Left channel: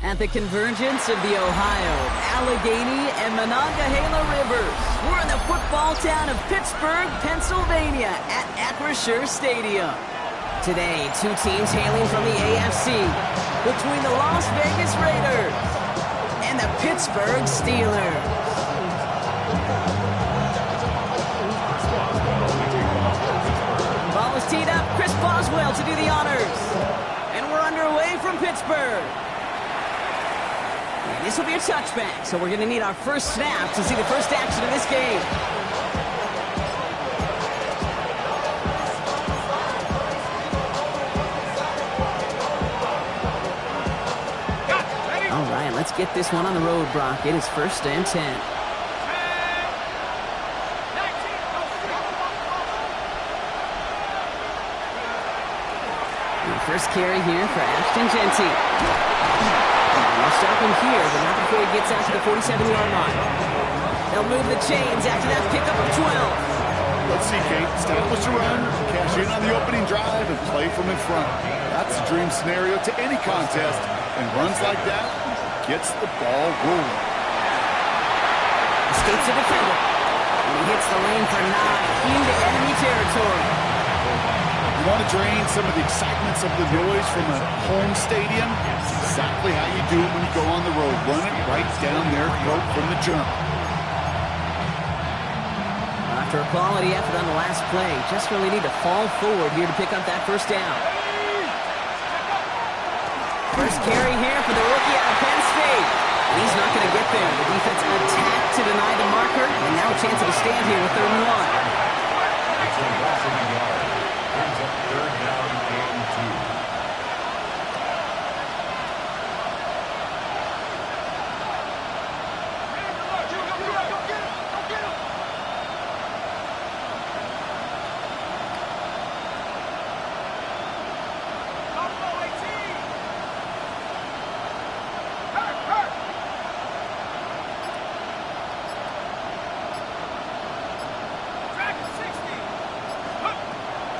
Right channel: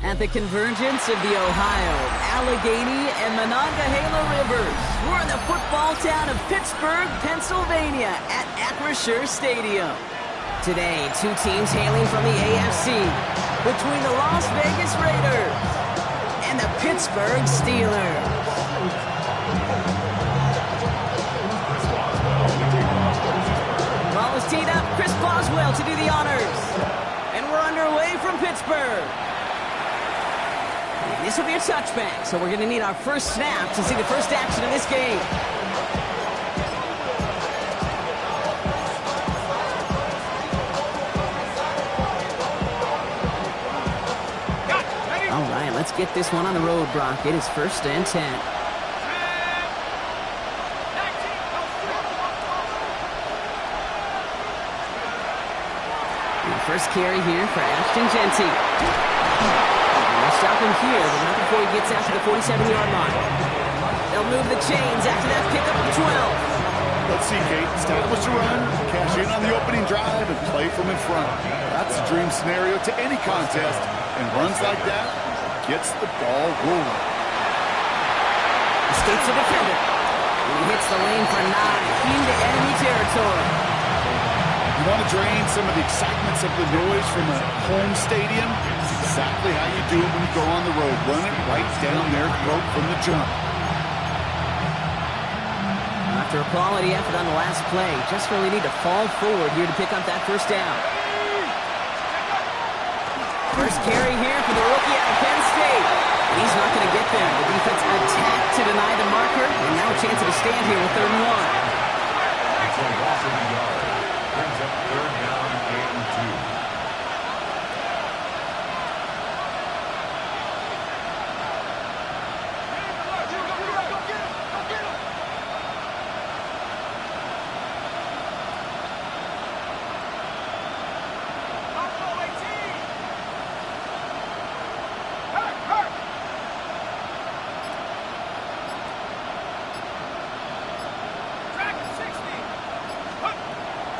At the convergence of the Ohio, Allegheny, and Monongahela Rivers, we're in the football town of Pittsburgh, Pennsylvania at Acrisure Stadium. Today, two teams hailing from the AFC between the Las Vegas Raiders and the Pittsburgh Steelers. Ball is teed up. Chris Boswell to do the honors. And we're underway from Pittsburgh. And this will be a touchback, so we're going to need our first snap to see the first action of this game. All right, let's get this one on the road, Brock. It is 1st and 10. First carry here for Ashton Jeanty. And they'll stop him here, but not before he gets out to the 47-yard line. They'll move the chains after that pickup of 12. Let's see, Kate. Establish a run, cash in on the opening drive, and play from in front. That's a dream scenario to any contest, and runs like that gets the ball rolling. Escapes the defender. And he hits the lane for 9 into enemy territory. You want to drain some of the excitements of the noise from a home stadium? It's exactly how you do it when you go on the road. Run it right down their throat from the jump. After a quality effort on the last play, just really need to fall forward here to pick up that first down. First carry here for the rookie out of Penn State. And he's not going to get there. The defense attacked to deny the marker, and now a chance of a stand here with 3rd and 1. Brings up 3rd down and 2.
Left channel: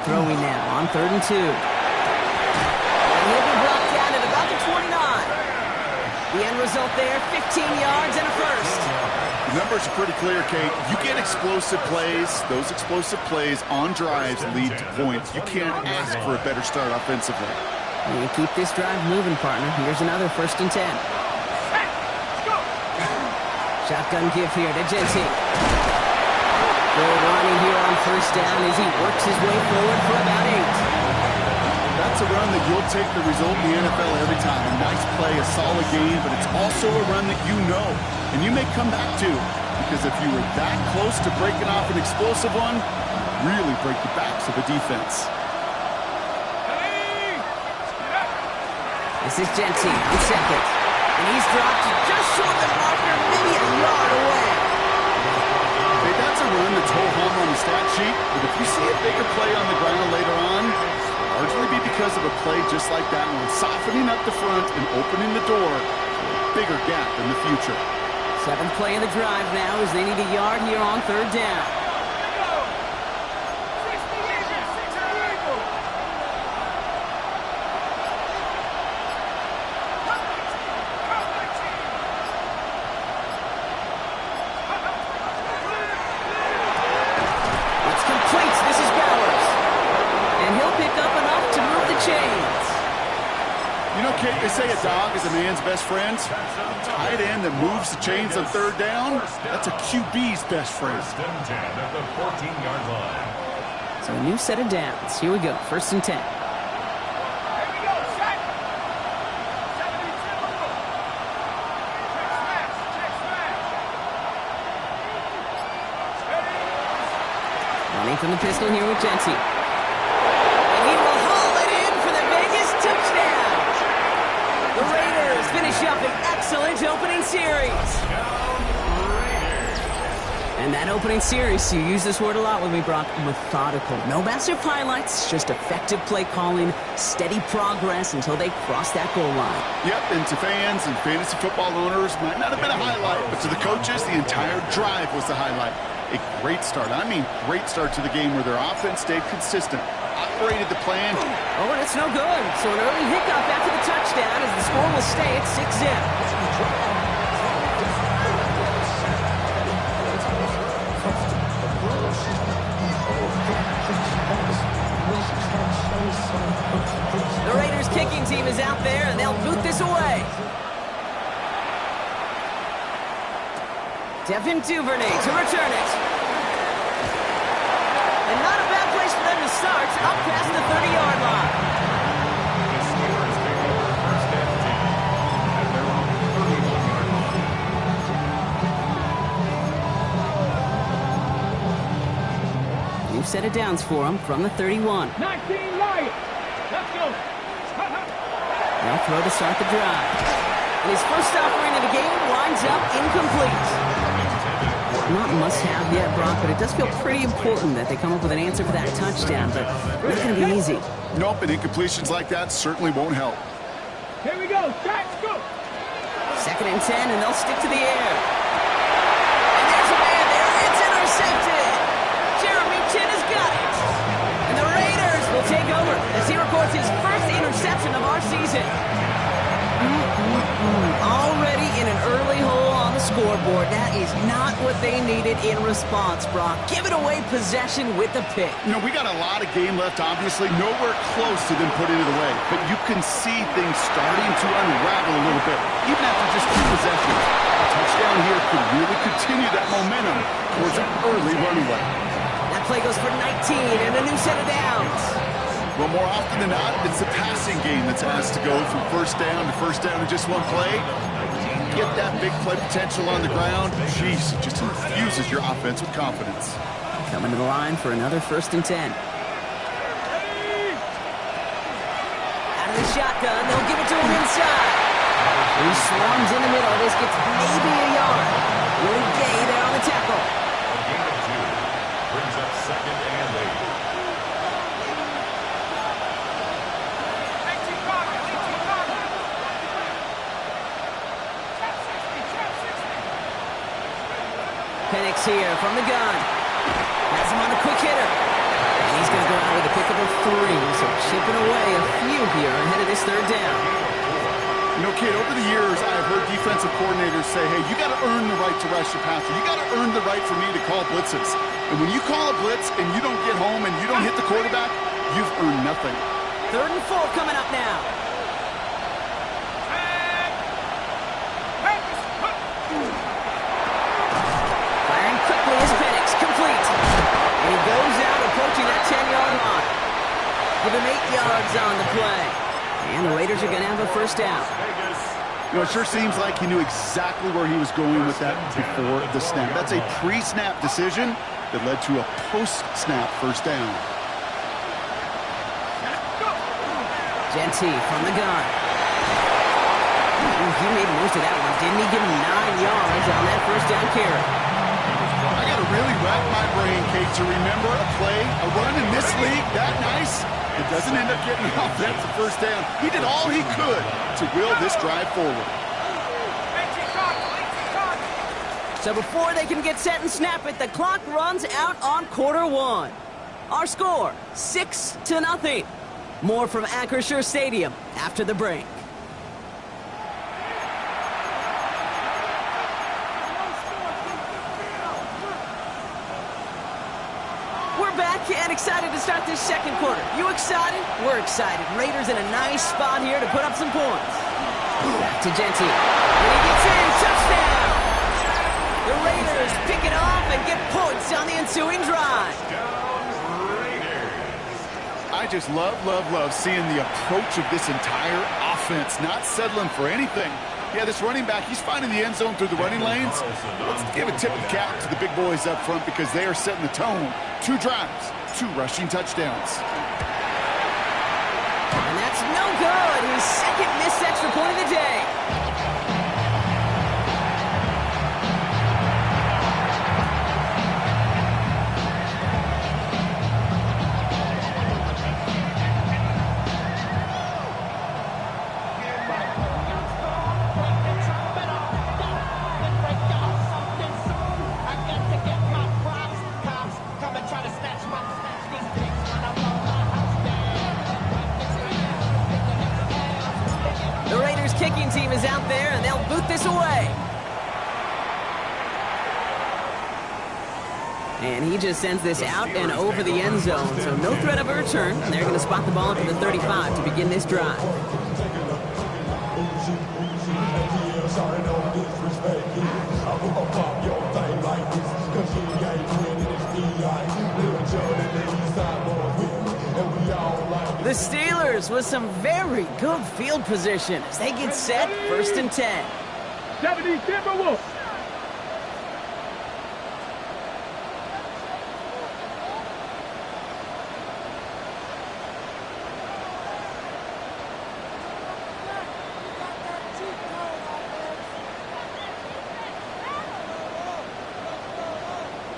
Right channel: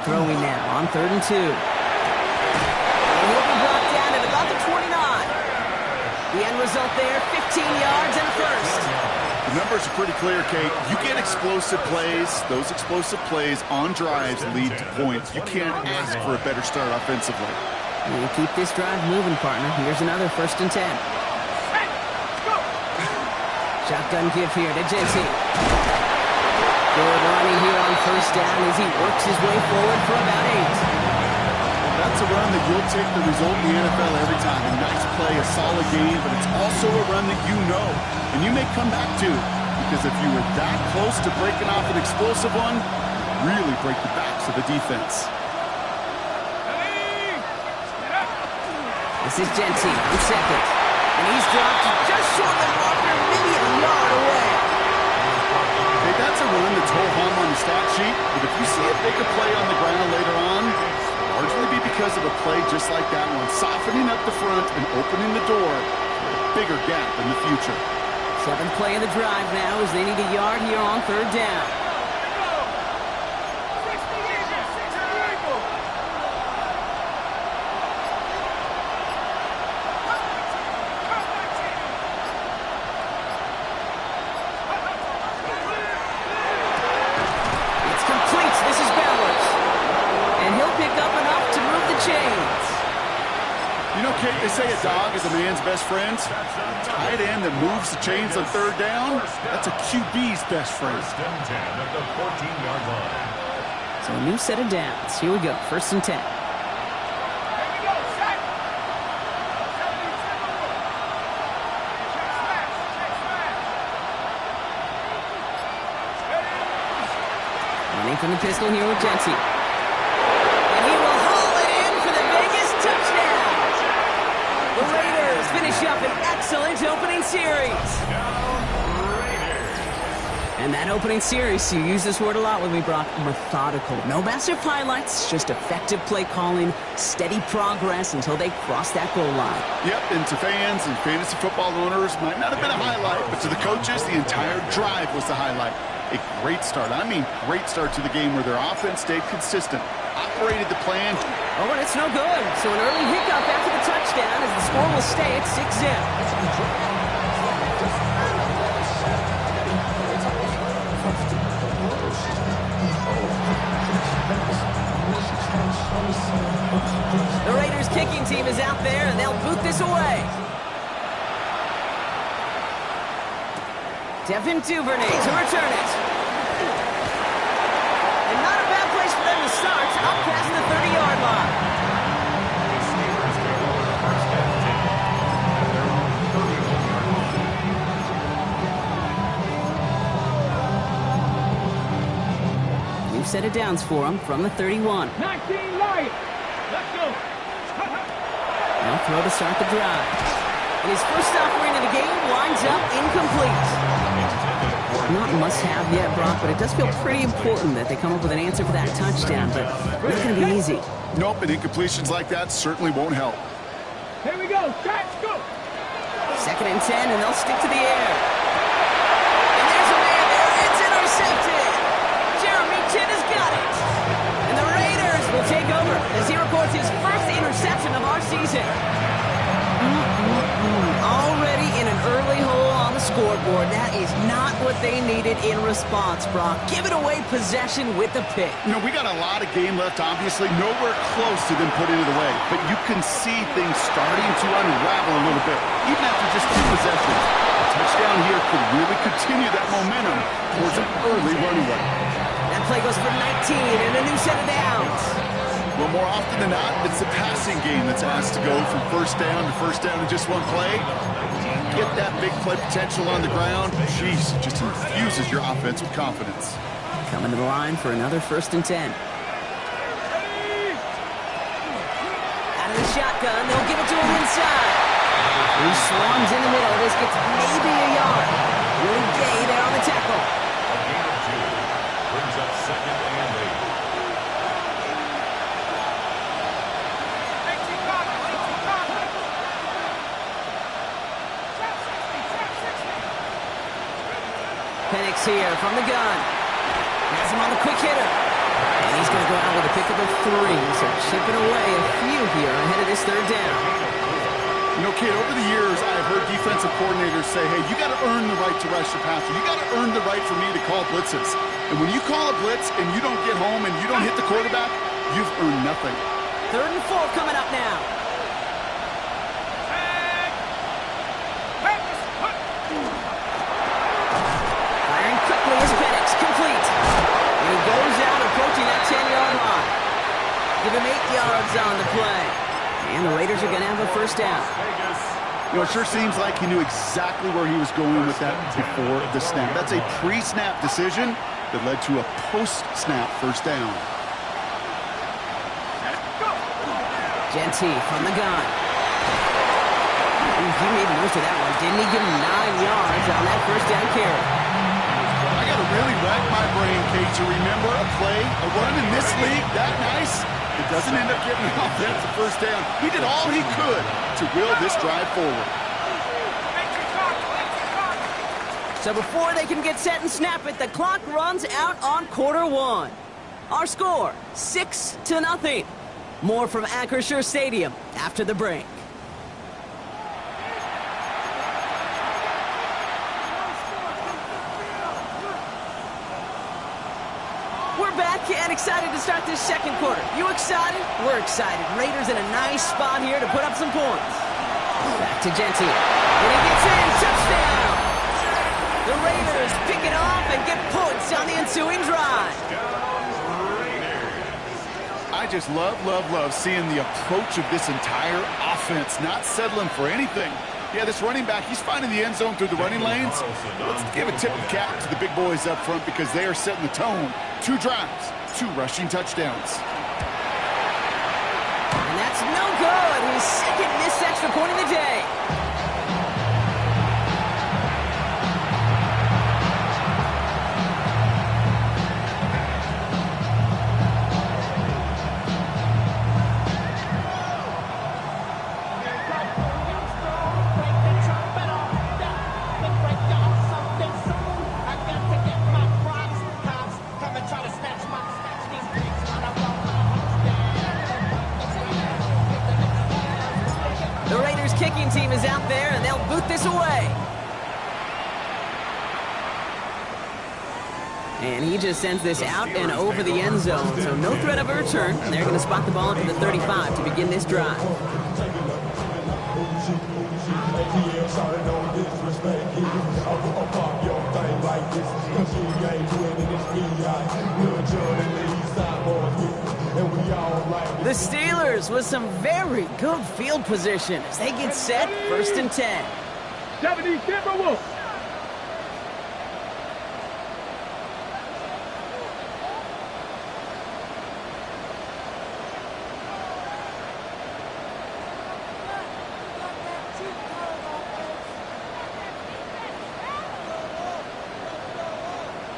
Throwing now on 3rd and 2. And he'll be brought down at about the 29. The end result there, 15 yards and a first. The numbers are pretty clear, Kate. You get explosive plays. Those explosive plays on drives lead to points. You can't ask for a better start offensively. You keep this drive moving, partner. Here's another 1st and 10. Shotgun give here to Jeanty. Good running here on 1st down as he works his way forward for about 8. That's a run that you'll take the result in the NFL every time. A nice play, a solid game, but it's also a run that you know and you may come back to, because if you were that close to breaking off an explosive one, really break the backs of the defense. This is Jeanty on 2nd, and he's dropped just short of the marker, maybe a yard away. Hey, that's a run that's ho-hum on the stat sheet, but if you see a bigger play on the ground later on, it'll largely be because of a play just like that one, softening up the front and opening the door for a bigger gap in the future. 7th play of the drive now as they need a yard here on 3rd down. This is Bowers. And he'll pick up enough to move the chains. You know, Kate, they say a dog is a man's best friend. A tight end that moves the chains on 3rd down, that's a QB's best friend. 1st and 10 at the 14-yard line. So a new set of downs. Here we go, 1st and 10. Running from the pistol here with Jeanty. And he will haul it in for the Vegas touchdown. The Raiders finish up an excellent opening series. And that opening series, you use this word a lot with me, Brock, methodical. No massive highlights, just effective play calling, steady progress until they cross that goal line. Yep, and to fans and fantasy football owners, might not have been a highlight, but to the coaches, the entire drive was the highlight. A great start. I mean, great start to the game where their offense stayed consistent, operated the plan. Oh, and it's no good. So an early hiccup after the touchdown as the score will stay at 6-zip. The Raiders kicking team is out there, and they'll boot this away. Devin Duvernay to return it. And not a bad place for them to start, up past the 30-yard line. The Steelers take over first and 10 at their own 31-yard line. New set of downs for them from the 31. 19 Lions. Let's go. They'll throw to start the drive. And his first offering of the game winds up incomplete. Not must-have yet, Brock, but it does feel pretty important that they come up with an answer for that touchdown, but not going to be easy. Nope, and incompletions like that certainly won't help. Here we go. Let's go. 2nd and 10, and they'll stick to the air. And there's a man there. It's intercepted. Jeremy Chin has got it. And the Raiders will take over as he records his first interception of our season. Already in an early hole on the scoreboard. That is not what they needed in response, Brock. Giving away possession with the pick. You know, we got a lot of game left, obviously. Nowhere close to them putting it away. But you can see things starting to unravel a little bit, even after just 2 possessions. A touchdown here could really continue that momentum towards an early runaway. That play goes for 19 and a new set of downs. Well, more often than not, it's the passing game that's asked to go from first down in just one play. Get that big play potential on the ground. Jeez, it just infuses your offense with confidence. Coming to the line for another 1st and 10. Out of the shotgun, they'll give it to him inside. He swarms in the middle. This gets maybe a yard. Willie Gay there on the tackle. A gain of 2 brings up 2nd and 8. Penix here from the gun. Has him on the quick hitter. And he's going to go out with a pickup of 3. So chipping away a few here ahead of this 3rd down. You know, kid, over the years, I've heard defensive coordinators say, hey, you got to earn the right to rush the passer. You got to earn the right for me to call blitzes. And when you call a blitz and you don't get home and you don't hit the quarterback, you've earned nothing. 3rd and 4 coming up now. Firing quickly is Penix, complete. And he goes out approaching that 10-yard line. Give him 8 yards on the play. And the Raiders are going to have a 1st down. You know, it sure seems like he knew exactly where he was going with that before the snap. That's a pre-snap decision that led to a post-snap 1st down. Genty from the gun. Ooh, he made most of that one, didn't he? Give him 9 yards on that 1st down carry. I got to really rack my brain, Kate, to remember a play, a run in this league that nice. It doesn't end up getting an offensive 1st down. He did all he could to will this drive forward. So before they can get set and snap it, the clock runs out on quarter 1. Our score, 6-0. More from Acrisure Stadium after the break. We're back and excited to start this 2nd quarter. You excited? We're excited. Raiders in a nice spot here to put up some points. Back to Genty. And he gets in. Touchdown! The Raiders pick it off and get points on the ensuing drive. I just love seeing the approach of this entire offense, not settling for anything. Yeah, this running back, he's finding the end zone through the running lanes. Let's give a tip of the cap to the big boys up front because they are setting the tone. 2 drives, 2 rushing touchdowns. And that's no good. His 2nd missed extra point of the day. 49ers kicking team is out there, and they'll boot this away. And he just sends this out and over the end zone, so no threat of a return. And they're going to spot the ball up to the 35 to begin this drive. The Steelers with some very good field position as they get set, 1st and 10. 70 Timberwolves.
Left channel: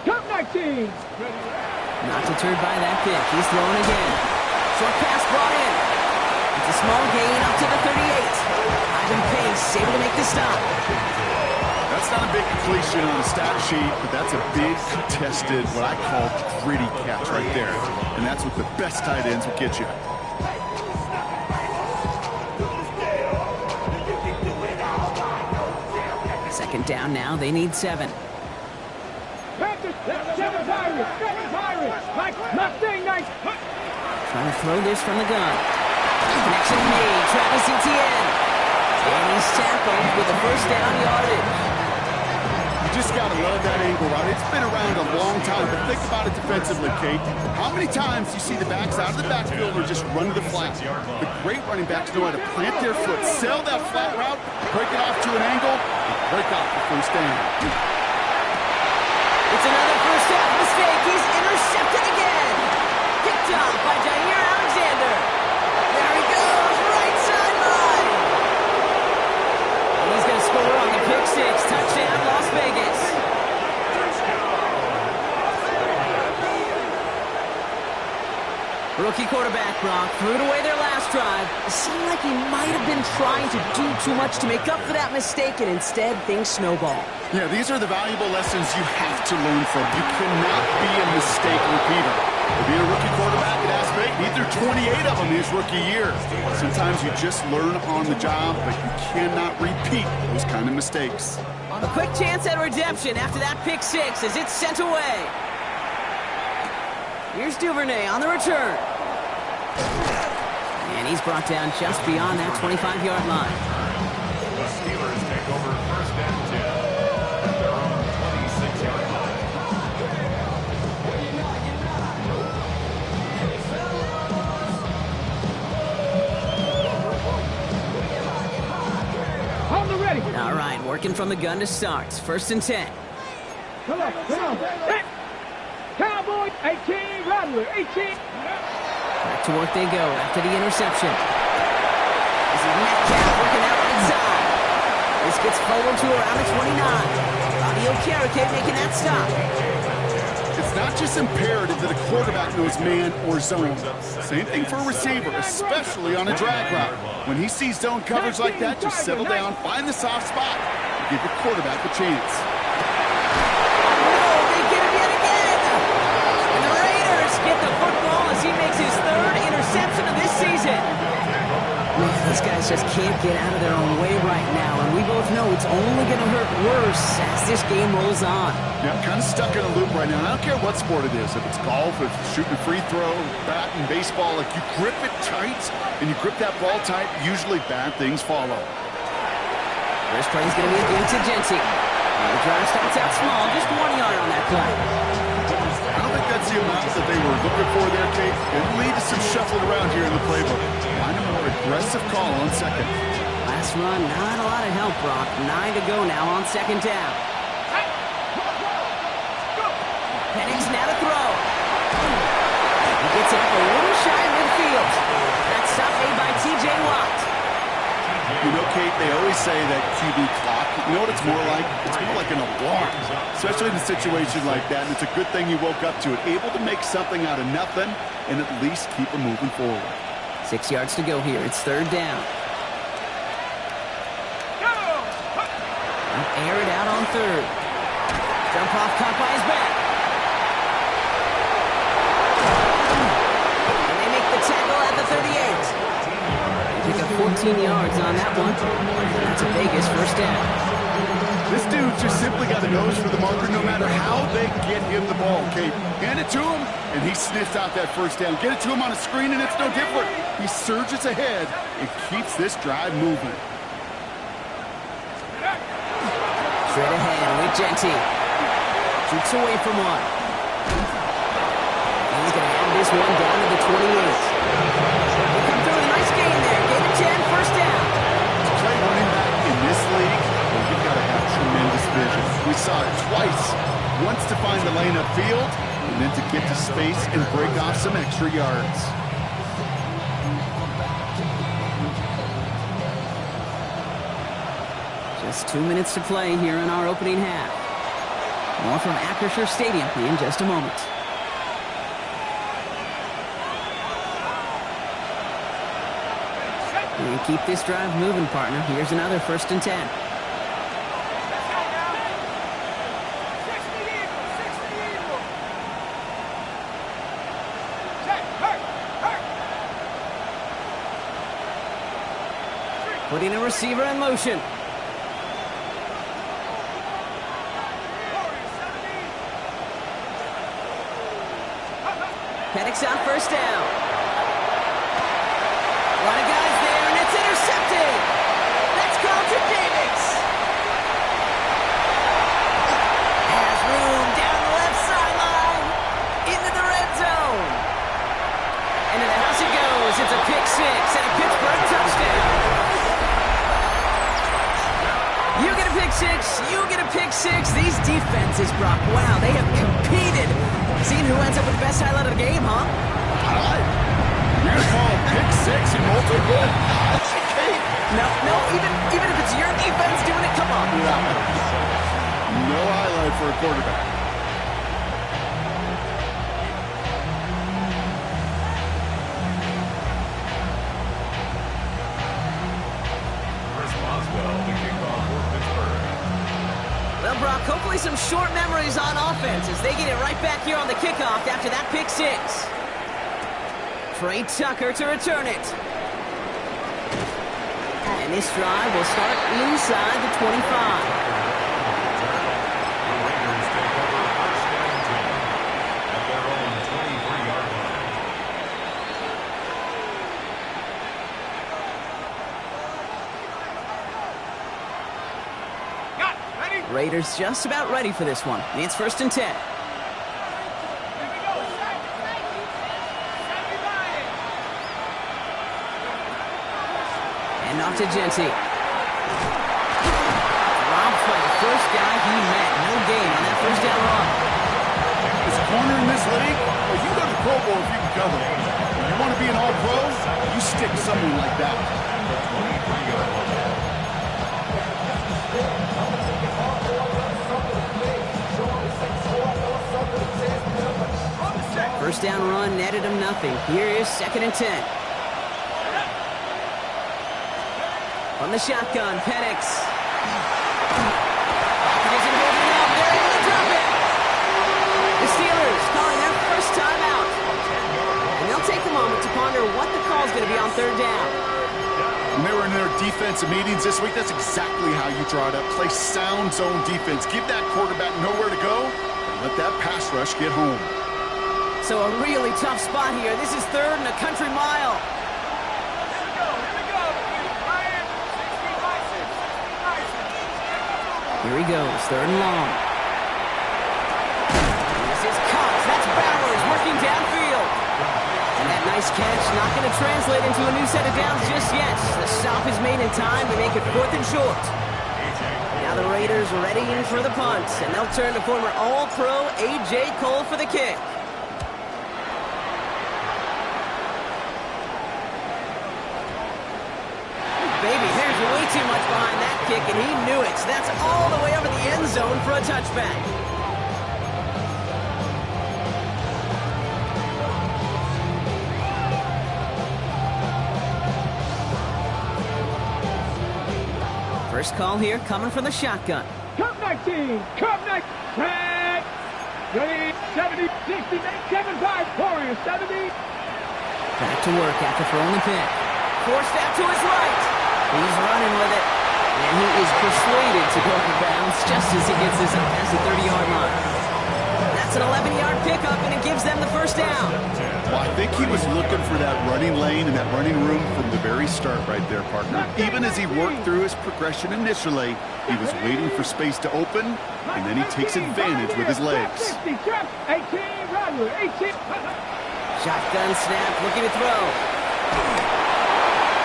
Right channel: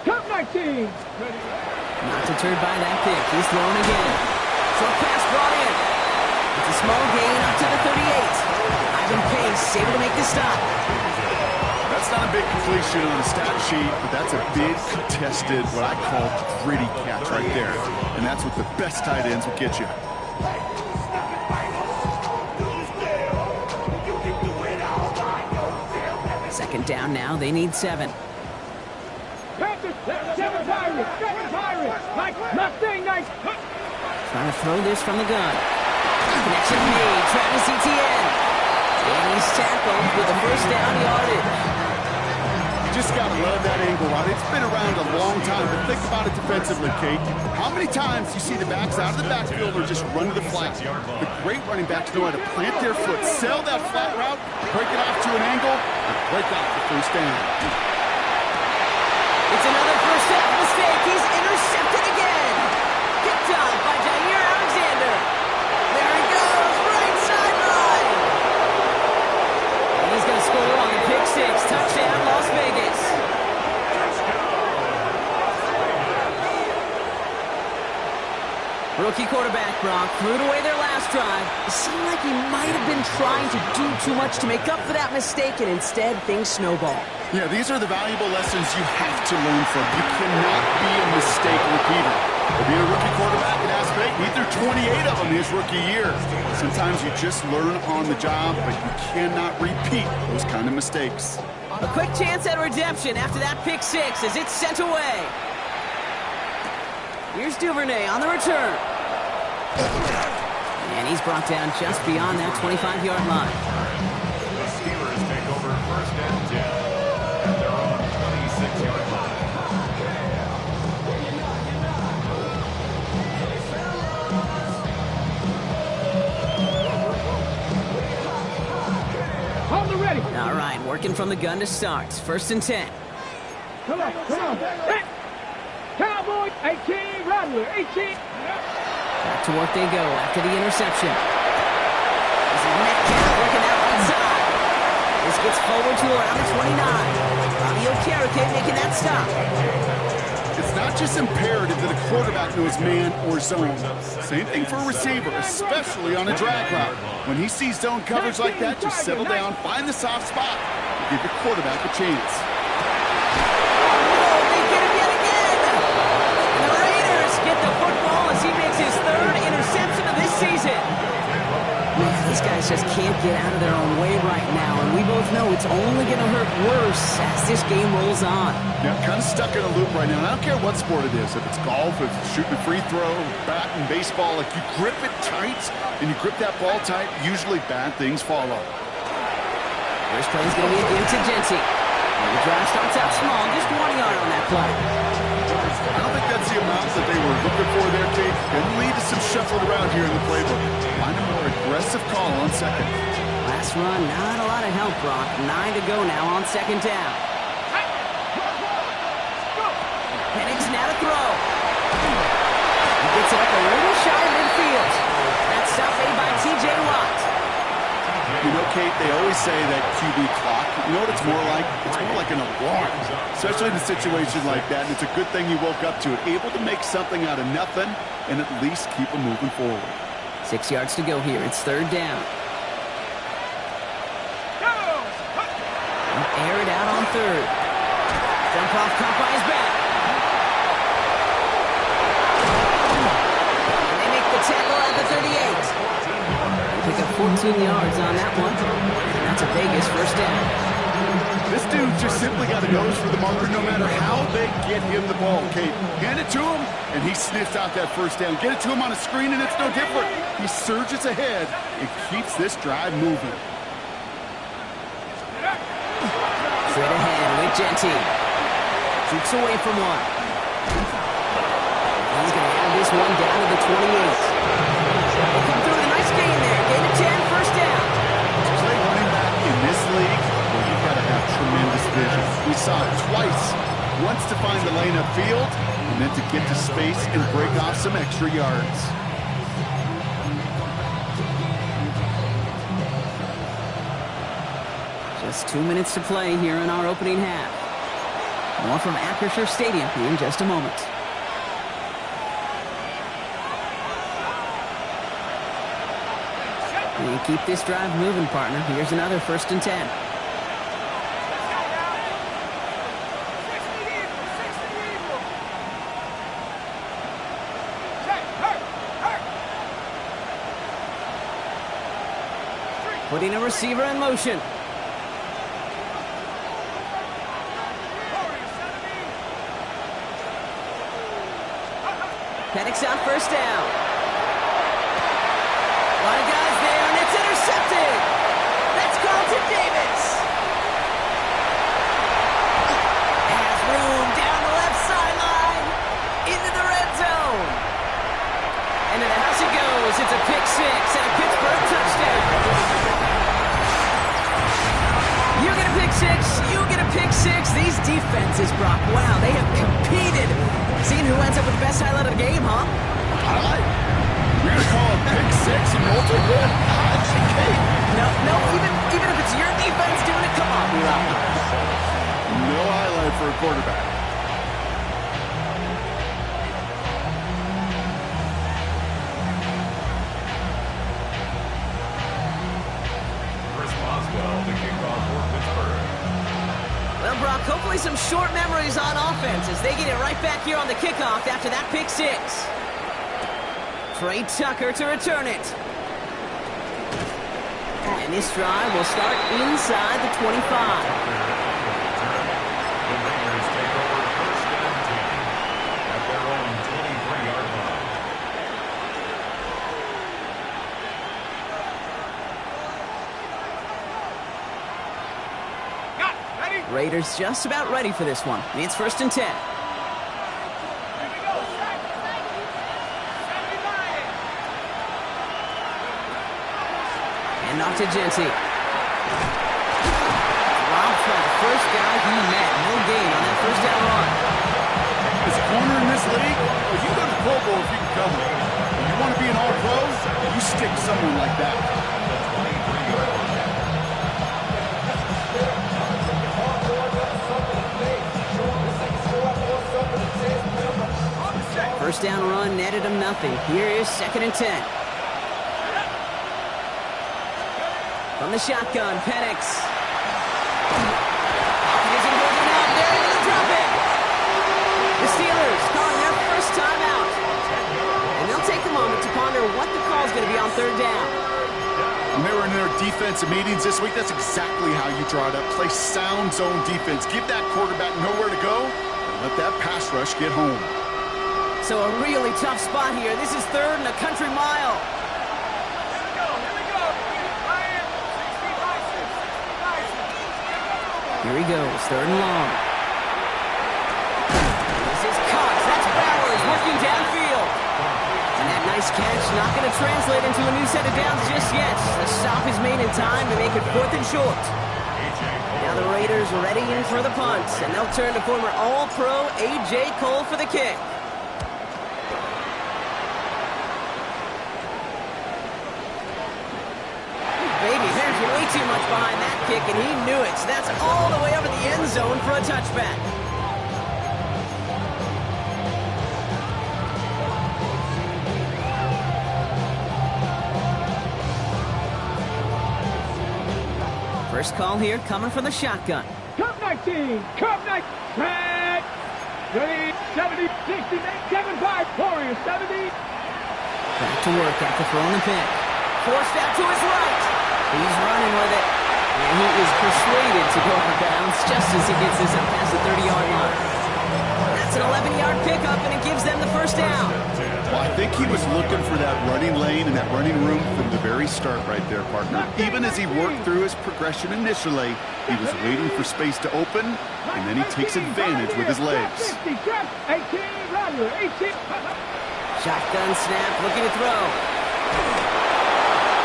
Top 19. Not deterred by that pick. He's throwing again. Short pass brought in. It's a small gain up to the 38. Ivan Pace able to make the stop. That's not a big completion on a stat sheet, but that's a big contested, what I call gritty catch right there. And that's what the best tight ends will get you. Second down now. They need 7. Panthers, 7 Pirates. Like Mustang Knights. Trying to throw this from the gun. Connection made. Travis Etienne. And he's tackled with a first down yardage. You just got to love that angle, right? It's been around a long time, but think about it defensively, Kate. How many times do you see the backs out of the backfield or just run to the flat? The great running backs know how to plant their foot, sell that flat route, break it off to an angle, and break off the first down. It's another first half mistake. He's intercepted again. Picked off by Jair Alexander. There he goes, right sideline. And he's going to score on the pick 6. Touchdown, Las Vegas. Rookie quarterback Brock threw it away their last drive. It seemed like he might have been trying to do too much to make up for that mistake, and instead things snowball. Yeah, these are the valuable lessons you have to learn from. You cannot be a mistake repeater. Being a rookie quarterback at App State, neither 28 of them his rookie year. Sometimes you just learn on the job, but you cannot repeat those kind of mistakes. A quick chance at redemption after that pick 6 as it's sent away. Here's Duvernay on the return. And he's brought down just beyond that 25-yard line. The Steelers take over 1st and 10 at their own 26-yard line. Hold the ready. All right, working from the gun to start. 1st and 10. Come on. Hey. Cowboy, 18, Rattler, 18. Back to work they go after the interception. This is Metcalf working that right side. This gets forward to around the 29. Bobby Okereke making that stop. It's not just imperative that a quarterback knows man or zone. Same thing for a receiver, especially on a drag route. When he sees zone coverage like that, just settle down, find the soft spot, and give your quarterback a chance. Get the football as he makes his 3rd interception of this season. Man, these guys just can't get out of their own way right now, and we both know it's only going to hurt worse as this game rolls on. Yeah, kind of stuck in a loop right now, and I don't care what sport it is. If it's golf, if it's shooting a free throw, bat and baseball, like you grip it tight, and you grip that ball tight, usually bad things follow. First play is going to be a game to Genty. The drive starts out small, just 1 yard on that play. I don't think that's the amount that they were looking for there, Kate. Going to lead to some shuffling around here in the playbook. Find a more aggressive call on 2nd. Last run, not a lot of help, Brock. 9 to go now on 2nd down. Penix now to throw. He gets it up a little shy of midfield. That stop made by T.J. Watt. You know, Kate, they always say that QB clock, you know what it's more like? It's more like an alarm, especially in a situation like that. And it's a good thing you woke up to it, able to make something out of nothing and at least keep them moving forward. 6 yards to go here. It's 3rd down. He'll air it out on 3rd. Jump off caught by his back. And they make the tackle at the 38. Pick up 14 yards on that one. And that's a Vegas first down. This dude just simply got a nose for the marker no matter how they get him the ball, Kate. Hand it to him, and he sniffs out that first down. Get it to him on a screen, and it's no different. He surges ahead and keeps this drive moving. Straight ahead with Genty. Shoots away from one. He's going to have this one down to the 28. They come through with a nice gain there. Gain of 10, first down. To play running back in this league, well, you've got to have tremendous vision. We saw it twice. Once to find the lane upfield, and then to get to space and break off some extra yards. Just 2 minutes to play here in our opening half. More from Acrisure Stadium in just a moment. And keep this drive moving, partner. Here's another 1st and 10. Putting a receiver in motion. Penix on first down. A lot of guys there, and it's intercepted. That's Carlton Davis. Has room down the left sideline. Into the red zone. And to the house he goes. It's a pick six and a Pittsburgh touchdown. You get a pick six. You get a pick six. These defenses, Brock, wow, they have competed. Seeing who ends up with the best highlight of the game, huh? Highlight? You're going to call a pick six and multiple highlight, Kate? No, even if it's your defense doing it, come on, Rob. No highlight for a quarterback. Chris Boswell, the kickoff for Pittsburgh. Well, Brock, hopefully some short memories on offense as they get it right back here on the kickoff after that pick six. Trey Tucker to return it. And this drive will start inside the 25. The Raiders take over 1st and 10 at their own 23-yard line. Raiders just about ready for this one. And it's 1st and 10. And off to Genty. Dropped by the first guy he met. No gain on that first down run. This corner in this league, well, you go to the Pro Bowl if you can cover it. If you want to be an all-pro, you stick someone like that. The 23-yard line. First down run netted him nothing. Here is 2nd and 10. From the shotgun, Penix. He isn't holding up. They're able to drop it. The Steelers calling their first time out. And they'll take a moment to ponder what the call is going to be on 3rd down. When they were in their defensive meetings this week, that's exactly how you draw it up. Play sound zone defense. Give that quarterback nowhere to go, and let that pass rush get home. So a really tough spot here. This is 3rd and a country mile. Here he goes, 3rd and long. This is Cox. That's Bowers working downfield. And that nice catch not going to translate into a new set of downs just yet. The stop is made in time to make it 4th and short. Now the Raiders are ready in for the punt, and they'll turn to former All-Pro A.J. Cole for the kick. Baby, there's way too much behind that kick, and he knew it. So that's all the way over the end zone for a touchback. First call here coming from the shotgun. Cup 19, Cup 19, set, ready, 70, 60, 75, Warriors, 70. Back to work after throwing the pick. Forced out to his right. He's running with it. And he is persuaded to go out of bounds just as he gets this up past the 30-yard line. That's an 11-yard pickup, and it gives them the first down. Well, I think he was looking for that running lane and that running room from the very start right there, partner. Even as he worked through his progression initially, he was waiting for space to open, and then he takes advantage with his legs. Shotgun snap, looking to throw.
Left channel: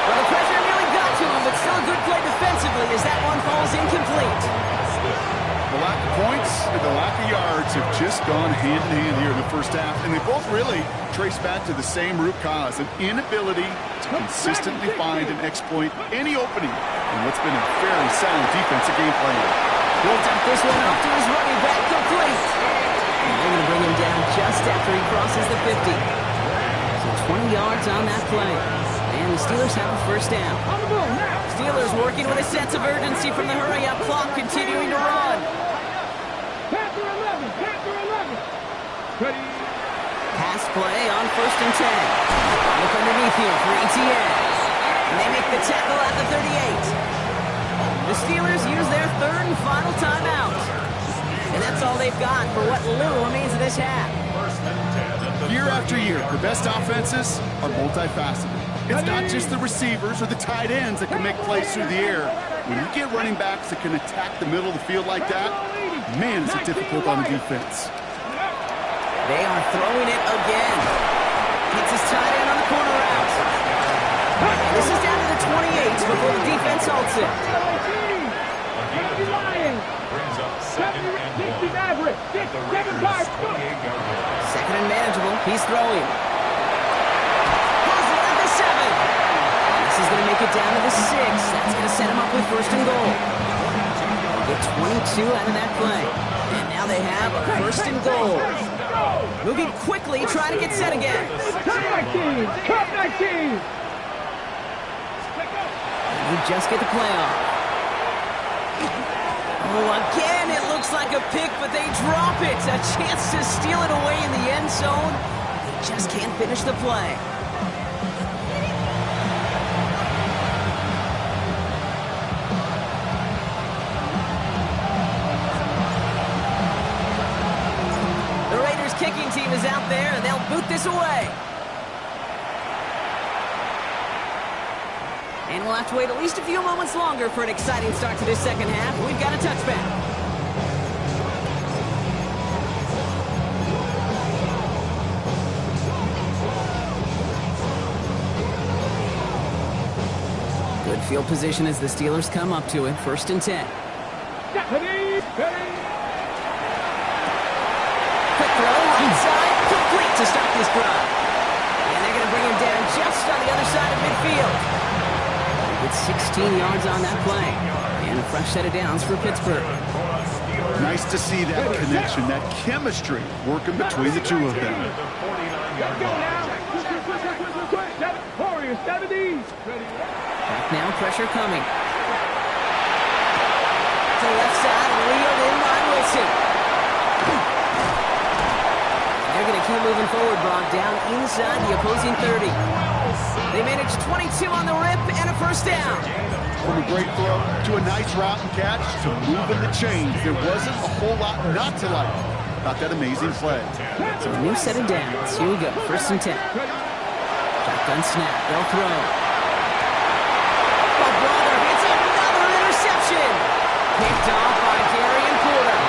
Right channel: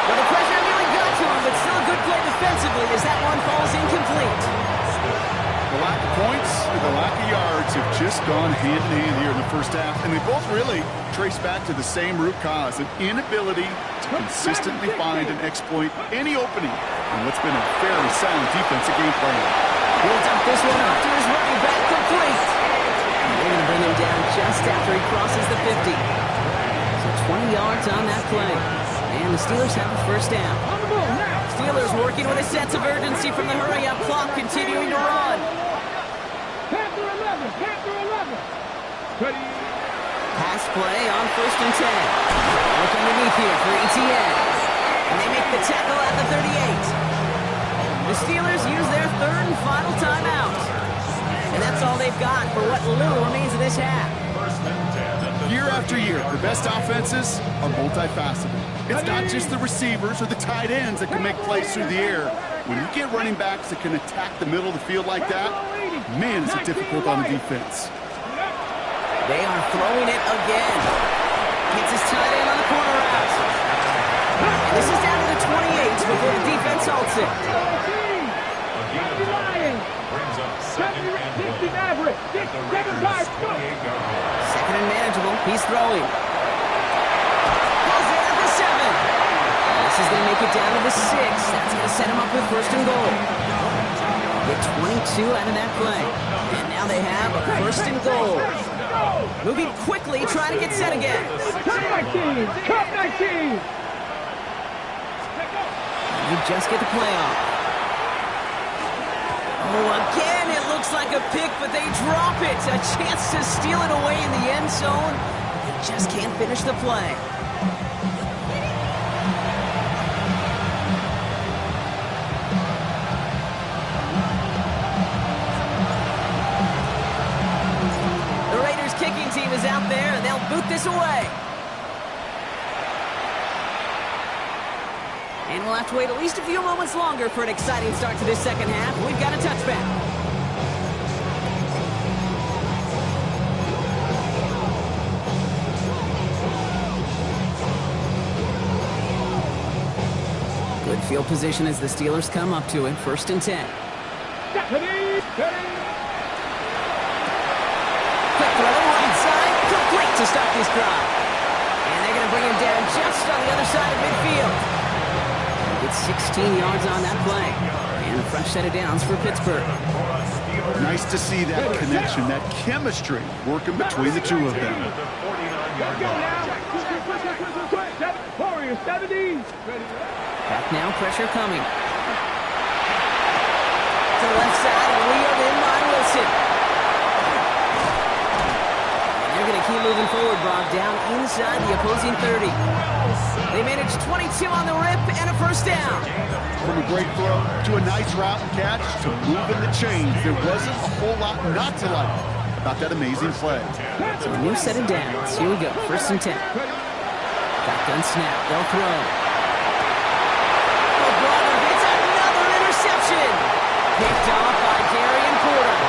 Well, the pressure nearly got to him, but still a good play defensively as that one falls incomplete. The lack of points and the lack of yards have just gone hand in hand here in the first half, and they both really trace back to the same root cause, an inability to consistently find and exploit any opening in what's been a very sound defensive game plan. He'll dump this one off to his running back, complete. And they're going to bring him down just after he crosses the 50. So 20 yards on that play. And the Steelers have a first down. Steelers working with a sense of urgency from the hurry-up clock, continuing to run. Panther 11, Panther 11. Ready. Pass play on 1st and 10. Look underneath here for ETN. And they make the tackle at the 38. The Steelers use their third and final timeout. And that's all they've got for what little remains of this half. Year after year, the best offenses are multifaceted. It's not just the receivers or the tight ends that can make plays through the air. When you get running backs that can attack the middle of the field like that, man, is it difficult on the defense. They are throwing it again. Gets his tight end on the corner route. And this is down to the 28 before the defense halts it. Brings up second and 1 at the Raiders' 28-yard line. Second and manageable. He's throwing. Pulls it at the 7. And this is going to make it down to the 6. That's going to set him up with 1st and goal. Get 22 out of that play. And now they have a 1st and goal. Moving quickly, trying to get set again. Cup 19! Cup 19! And you just get the play off. Oh, again, it looks like a pick, but they drop it. A chance to steal it away in the end zone. They just can't finish the play. The Raiders kicking team is out there, and they'll boot this away. And we'll have to wait at least a few moments longer for an exciting start to this second half. We've got a touchback. Good field position as the Steelers come up to it. 1st and 10. Quick throw, right side, complete to start this drive. And they're going to bring him down just on the other side of midfield. It's 16 yards on that play. And a fresh set of downs for Pittsburgh. Nice to see that connection, that chemistry working between the two of them. Warriors 70. Back now, pressure coming. To the left side, and wheeled in by Wilson. And they're going to keep moving forward, Brock, down inside the opposing 30. They managed 22 on the rip and a first down. From a great throw to a nice route and catch to moving the chains, there wasn't a whole lot not to like about that amazing play. So a new set of downs. Here we go, 1st and 10. Shotgun snap, they'll throw. Oh, brother, it's another interception. Picked off by Darian Porter.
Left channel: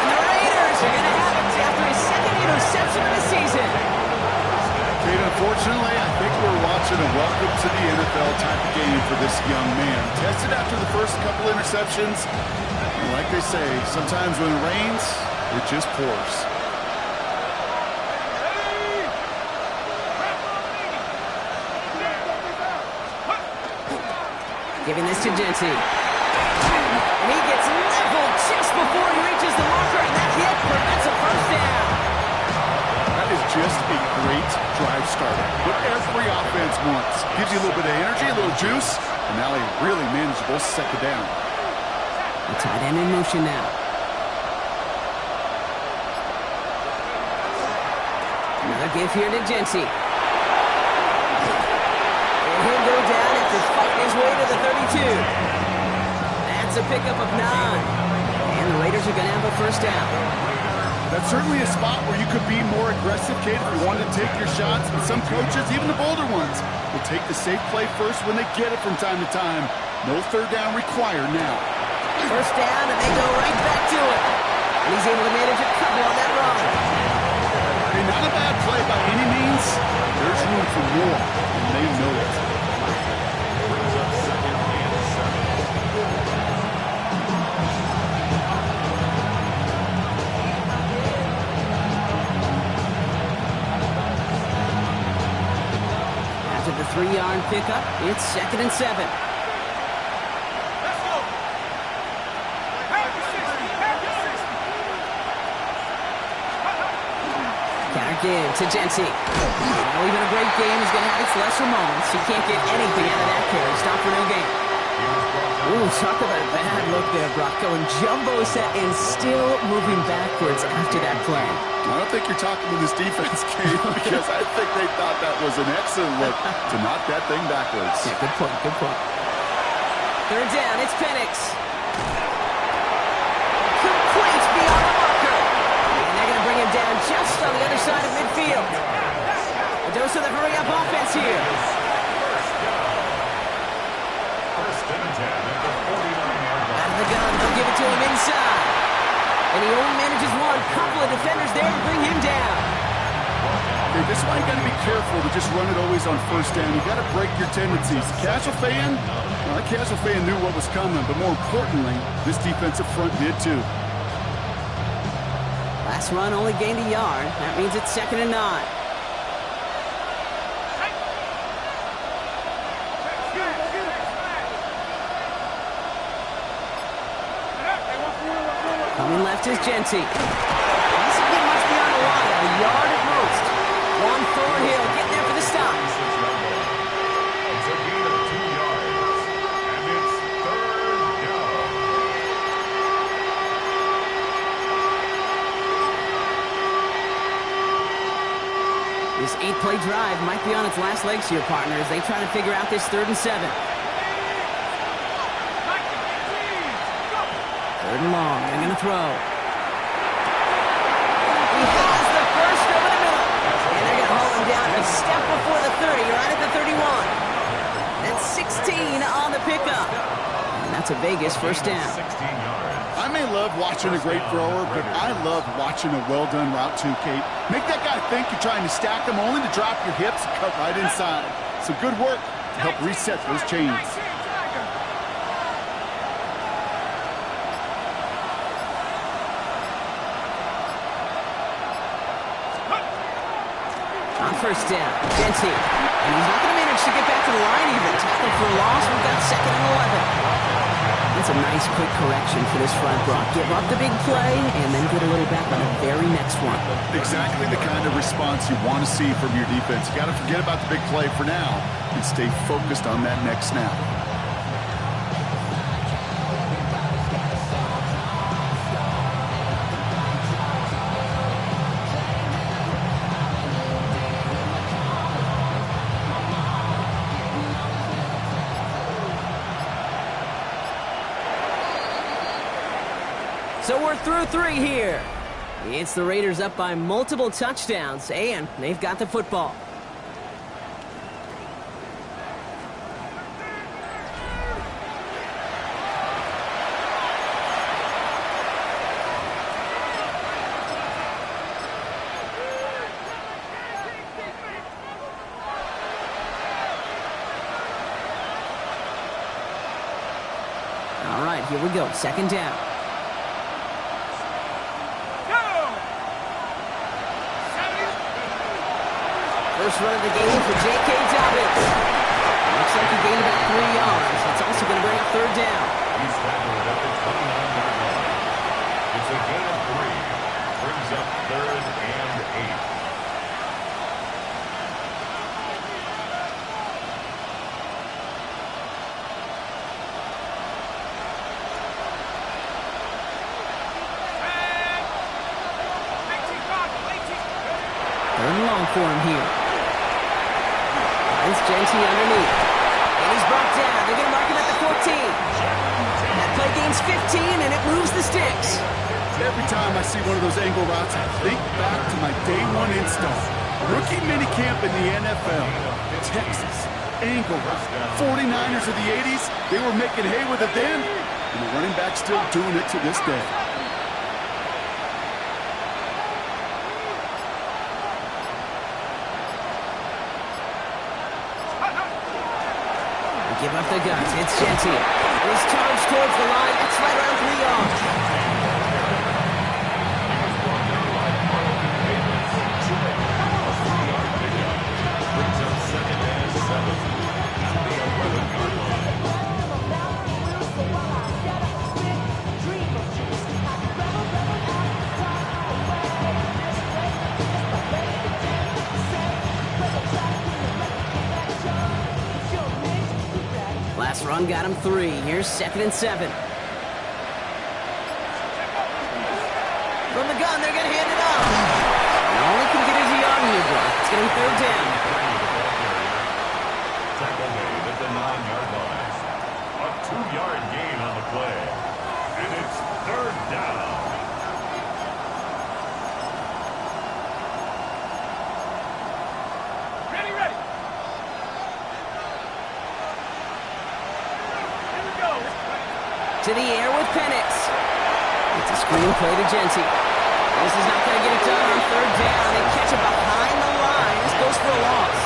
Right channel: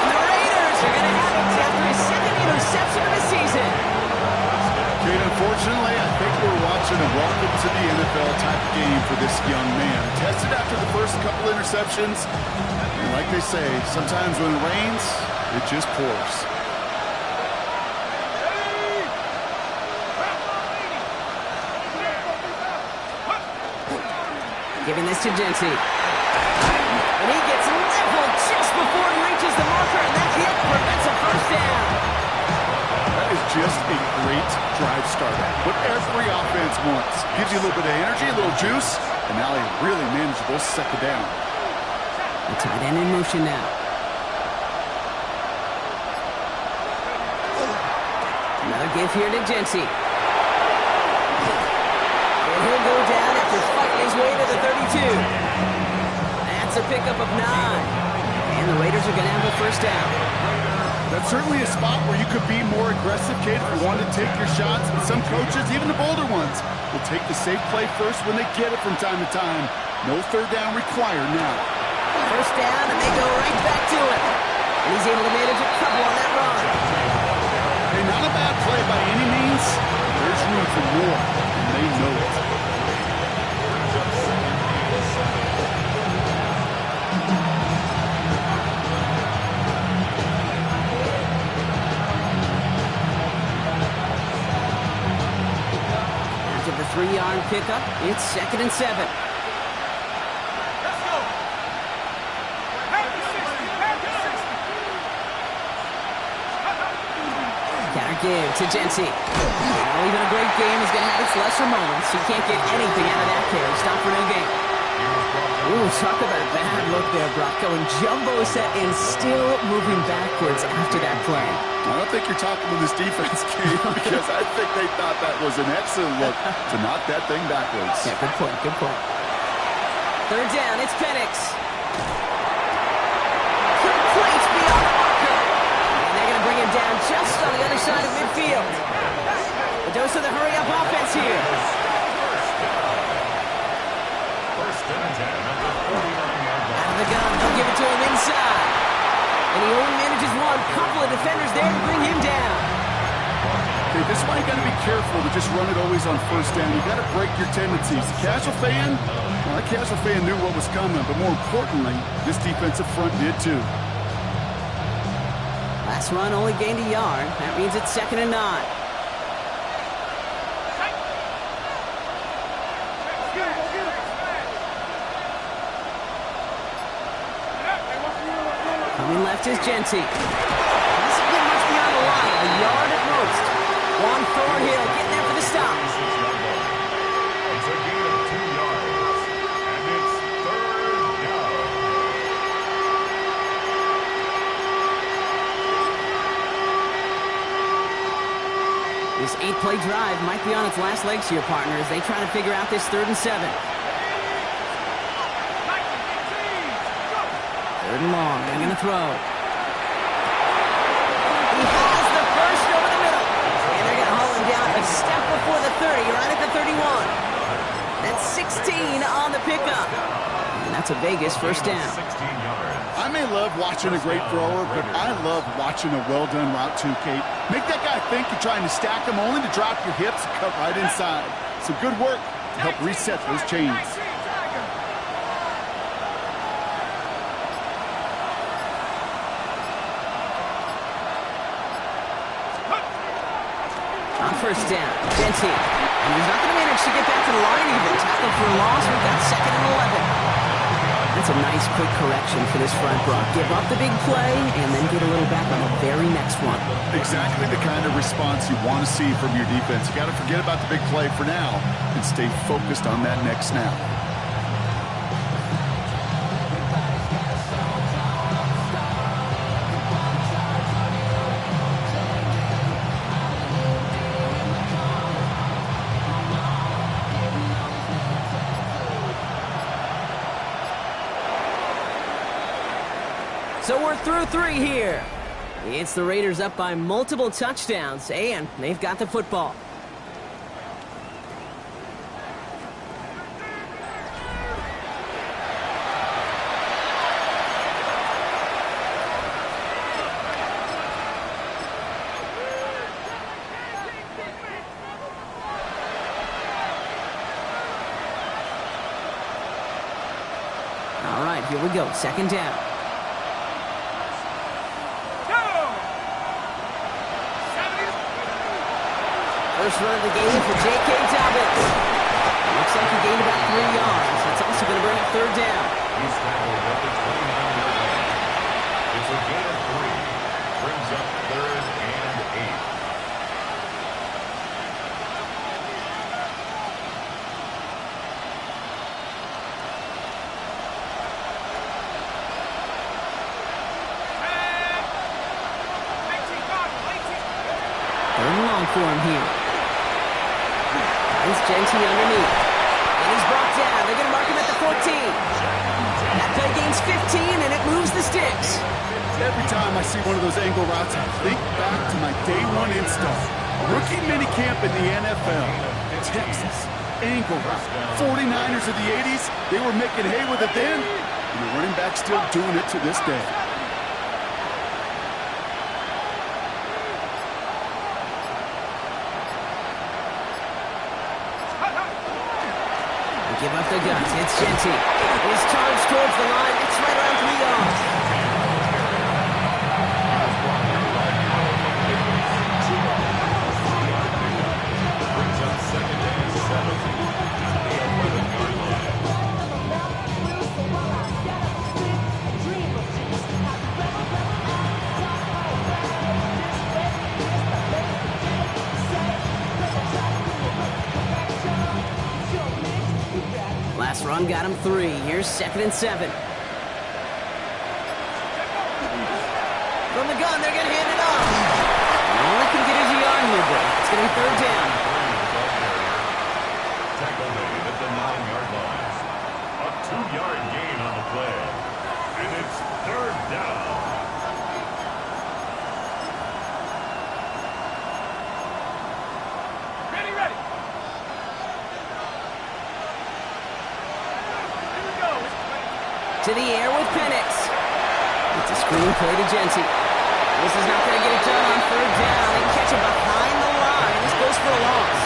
And the Raiders are going to have it after his second interception of the season. Kate, unfortunately, I think we're watching a welcome to the NFL type of game for this young man. Tested after the first couple interceptions, and like they say, sometimes when it rains, it just pours. Giving this to Genty. And he gets leveled just before he reaches the marker, and that hit prevents a first down. That is just a great drive starter. What every offense wants. Gives you a little bit of energy, a little juice, and now a really manageable second down. The tight end in motion now. Another give here to Genty. And he'll go down after fighting his way to the 32. That's a pickup of 9. And the Raiders are going to have a first down. That's certainly a spot where you could be more aggressive, Kate, if you wanted to take your shots. But some coaches, even the bolder ones, will take the safe play first when they get it from time to time. No third down required now. First down, and they go right back to it. And he's able to manage a couple on that run. Hey, not a bad play by any means. There's room for more, and they know it. Brings up 2nd and 7. After the 3-yard pickup, it's 2nd and 7. Counter give to Genty. Well, even a great game is going to have its lesser moments. He can't get anything out of that carry. Stop for no gain. Ooh, talk about a bad look there, Brock. Going jumbo set and still moving backwards after that play. I don't think you're talking to this defense, Kate, because I think they thought that was an excellent look to knock that thing backwards. Yeah, good point, good point. Third down, it's Penix. Complete beyond the marker. And they're going to bring him down just on the other side of midfield. A dose of the hurry-up offense here. First and 10 at the 49-yard line. Out of the gun, they'll give it to him inside. And he only manages one. Couple of defenders there to bring him down. Okay, this is why you got to be careful to just run it always on first down. You got to break your tendencies. The casual fan, well, that casual fan knew what was coming, but more importantly, this defensive front did too. Last run only gained a yard. That means it's 2nd and 9. Coming left is Genty. Doesn't get much beyond the line. A yard at most. Juan Thornhill getting there for the stop. It's a gain of 2 yards. And it's 3rd down. This 8-play drive might be on its last legs here, partner, as they try to figure out this 3rd and 7. 3rd and long. They're going to throw. He has the first over the middle. And they're going to haul him down a step before the 30, right at the 31. That's 16 on the pickup. And that's a Vegas first down. 16 yards. I may love watching a great thrower, but I love watching a well-done route too, Kate. Make that guy think you're trying to stack him only to drop your hips and cut right inside. So good work to help reset those chains. On first down, Genty. And he's not going to manage to get back to the line even. Tackle for a loss. We've got 2nd and 11. That's a nice quick correction for this front, Brock. Give up the big play and then get a little back on the very next one. Exactly the kind of response you want to see from your defense. You got to forget about the big play for now and stay focused on that next snap. So we're through 3 here. It's the Raiders up by multiple touchdowns, and they've got the football. All right, here we go. 2nd down. First run of the game for J.K. Dobbins. Looks like he gained about 3 yards. That's also going to bring up 3rd down. He's tackled at the 29-yard line. It's a gain of 3. Brings up 3rd and 8. Third and long for him here. Finds Genty underneath. he's brought down. They're going to mark him at the 14. That play gains 15, and it moves the sticks. Every time I see one of those angle routes, I think back to my day one install. Rookie minicamp in the NFL. Texas, angle route. 49ers of the 80s, they were making hay with it then, and the running back's still doing it to this day. Give up the guns. It's Genty. And he's charged towards the line. It's right around 3 yards. Brings up 2nd and 7 at the 11-yard line. Last run got him 3. Here's 2nd and 7. From the gun, they're going to hand it off. And all he can get is a yard here, bro. It's going to be 3rd down. Tackle made at the 9-yard line. A 2-yard gain on the play. And it's 3rd down. Ready. To the air with Penix. It's a screen play to Genty. This is not going to get it done on 3rd down. They catch him behind the line. This goes for a loss.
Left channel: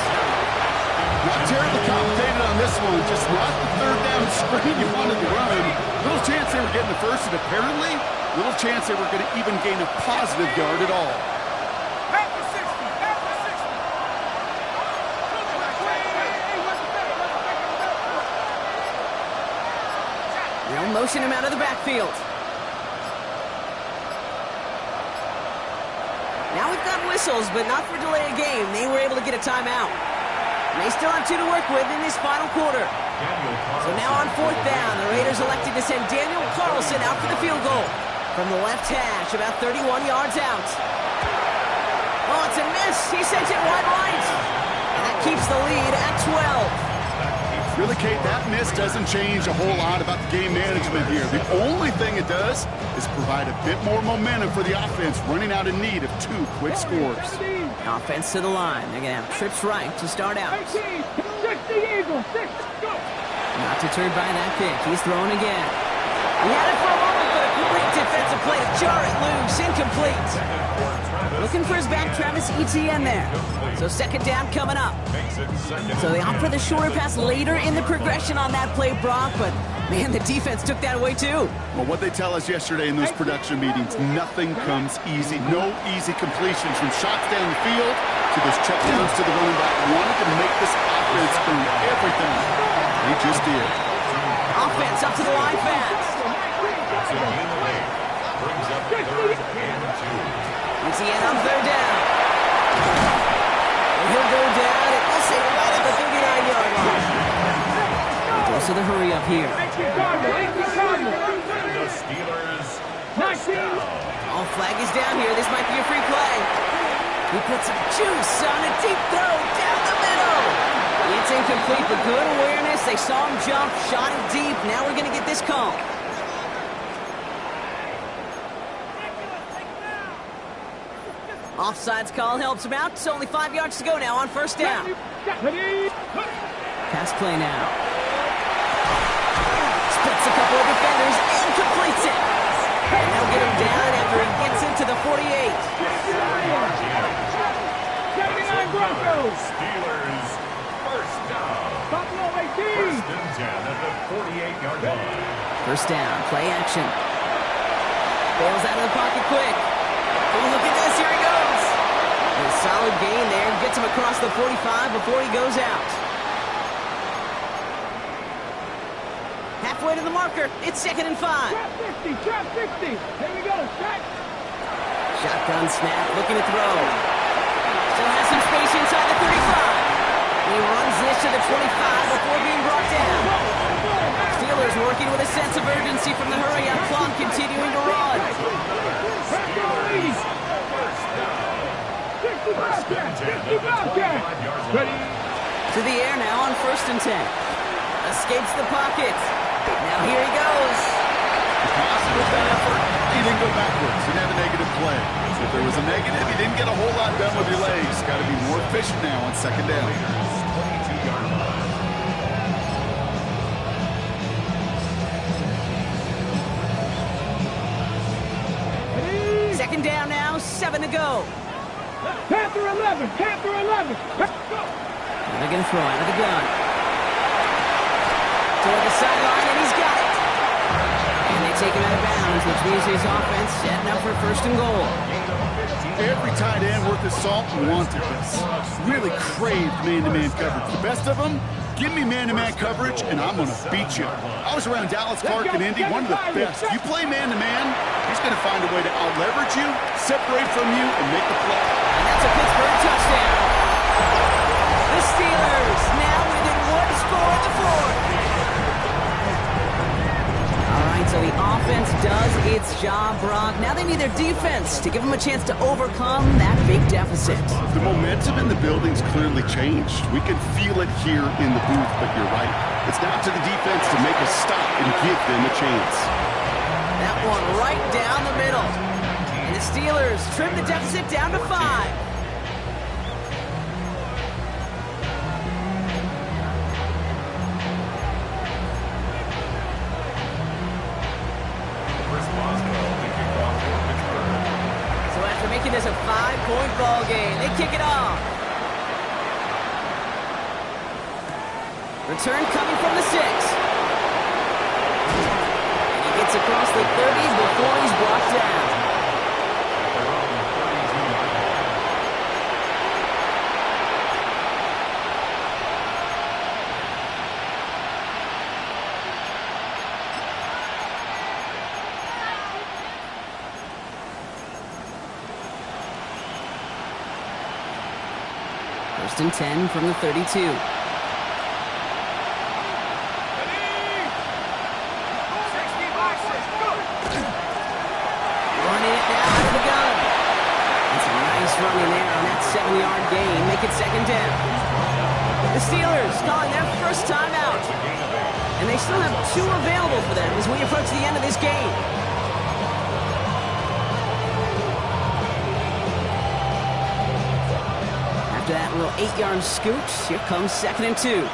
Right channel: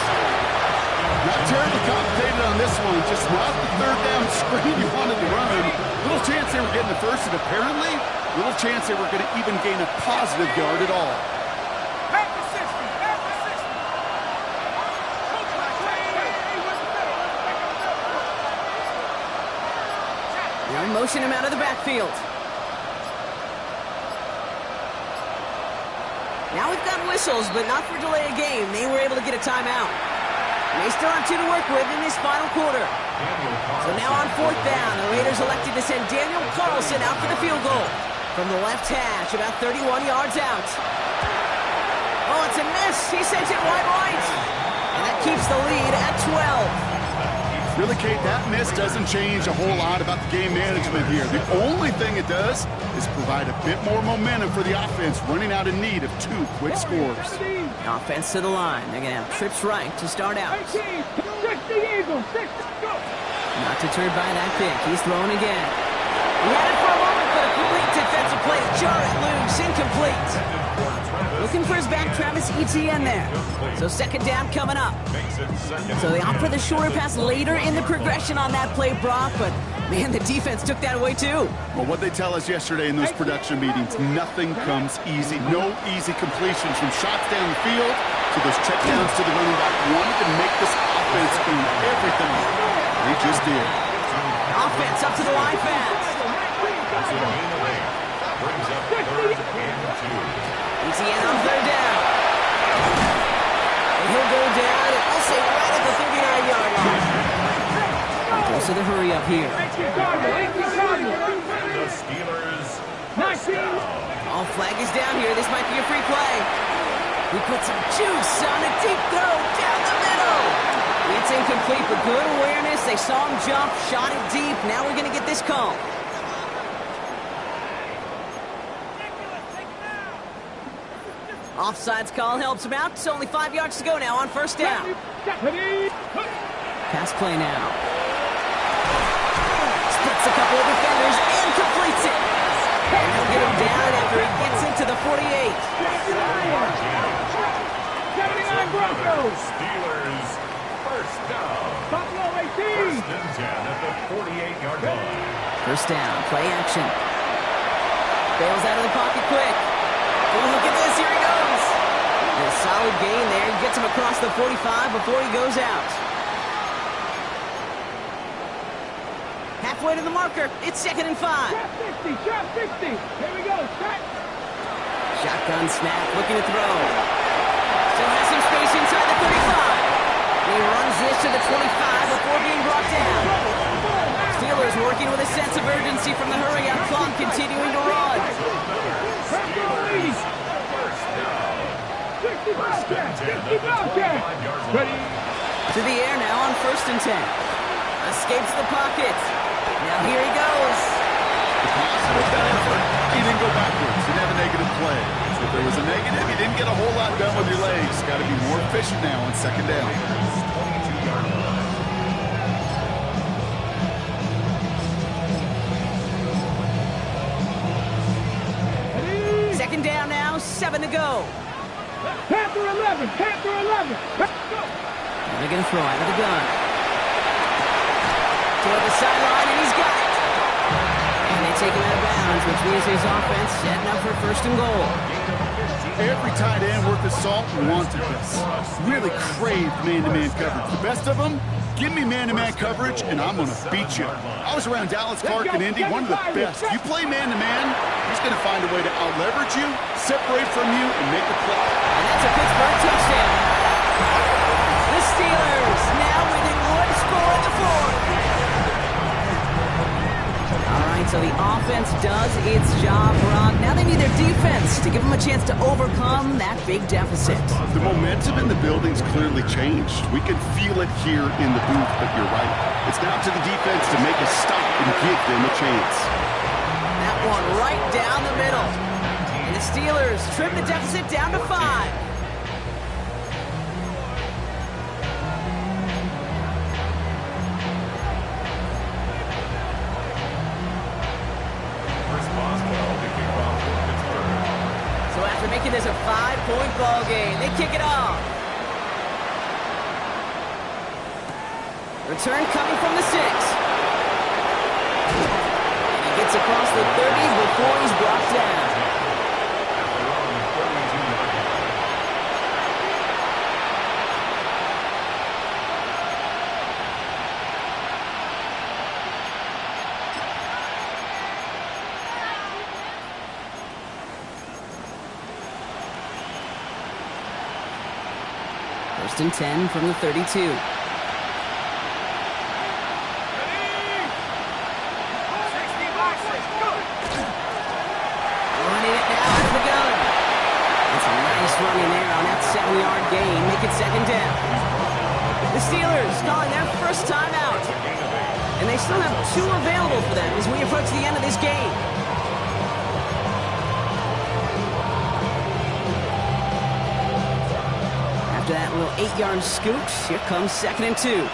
Not terribly complicated on this one. Just not the 3rd down screen you wanted to run. Little chance they were getting the first, and apparently, little chance they were going to even gain a positive yard at all. They'll motion him out of the backfield. Now we've got whistles, but not for delay of game. They were able to get a timeout. And they still have 2 to work with in this final quarter. So now on 4th down, the Raiders elected to send Daniel Carlson out for the field goal. From the left hash, about 31 yards out. Oh, it's a miss. He sent it wide right. And that keeps the lead at 12. Really, Kate, that miss doesn't change a whole lot about the game management here. The only thing it does is provide a bit more momentum for the offense, running out in need of 2 quick scores. Offense to the line. They're going to have trips right to start out. 60 Eagles, 60, go! Not deterred by that pick. He's throwing again. He had it for a moment, but a great defensive play to jar it loose. Incomplete. Looking for his back, Travis Etienne there. So 2nd down coming up. So they opt for the shorter pass later in the progression on that play, Brock, but man, the defense took that away too. Well, what they tell us yesterday in those production meetings, nothing comes easy. No easy completions from shots down the field to those checkdowns to the running back. Wanted to make this offense earn everything. They just did. Offense up to the line fast. That's a gain of 8. Brings up 3rd and 2. Etienne on 3rd down. And he'll go down, and we'll say right at the 39-yard line. Goes to the hurry up here. And the Steelers first down. All flag is down here. This might be a free play. He put some juice on a deep throw down the middle. It's incomplete, but good awareness. They saw him jump, shot it deep. Now we're going to get this call. Offsides call helps him out. It's only 5 yards to go now on 1st down. Pass play now. Splits a couple of defenders and completes it. And they'll get him down after he gets into the 48. 79 Broncos. Steelers first down. Buffalo 18. 1st and 10 at the 48-yard line. 1st down, play action. Bails out of the pocket quick. Oh, look at this, here he goes. A solid gain there, gets him across the 45 before he goes out. Halfway to the marker, it's 2nd and 5. Trap 60. Here we go, shot. Shotgun snap, looking to throw. Still has some space inside the 35. He runs this to the 25 before being brought down. Steelers working with a sense of urgency from the hurry-up clock, continuing to run. Steelers first down. 60 Bobcats. Ready. To the air now on 1st and 10. Escapes the pocket. Now here he goes. Positive that effort. He didn't go backwards. Didn't have a negative play. If there was a negative, he didn't get a whole lot done with your legs. Got to be more efficient now on second down. 22-yard line. Second down now, 7 to go. Panther 11, Panther 11. Let's go. And they're going to throw out of the gun. Toward the sideline, and he's got it. And they take him out of bounds, which means his offense setting up for first and goal. Every tight end worth his salt wanted this. Really craved man-to-man coverage. The best of them, give me man-to-man coverage, and I'm going to beat you. I was around Dallas Clark and Indy, one of the best. You play man-to-man, he's going to find a way to out-leverage you, separate from you, and make a play. And that's a Pittsburgh touchdown. The Steelers now within one score in the fourth. All right, so the offense does its job, Brock. Now they need their defense to give them a chance to overcome that big deficit. The momentum in the building's clearly changed. We can feel it here in the booth, but you're right. It's now to the defense to make a stop and give them a chance. That one right down the middle. And the Steelers trim the deficit down to 5. So after making this a 5-point ball game, they kick it off. Return coming from the 6. And he gets across the 30 before he's brought down. At their own 32-yard line. First and 10 from the 32. Running it now out of the gun. It's a nice run in there on that 7-yard gain. Make it second down. The Steelers calling their first time out. And they still have 2 available for them as we approach the end of this game. After that little 8-yard scoot, here comes second and 2. Here we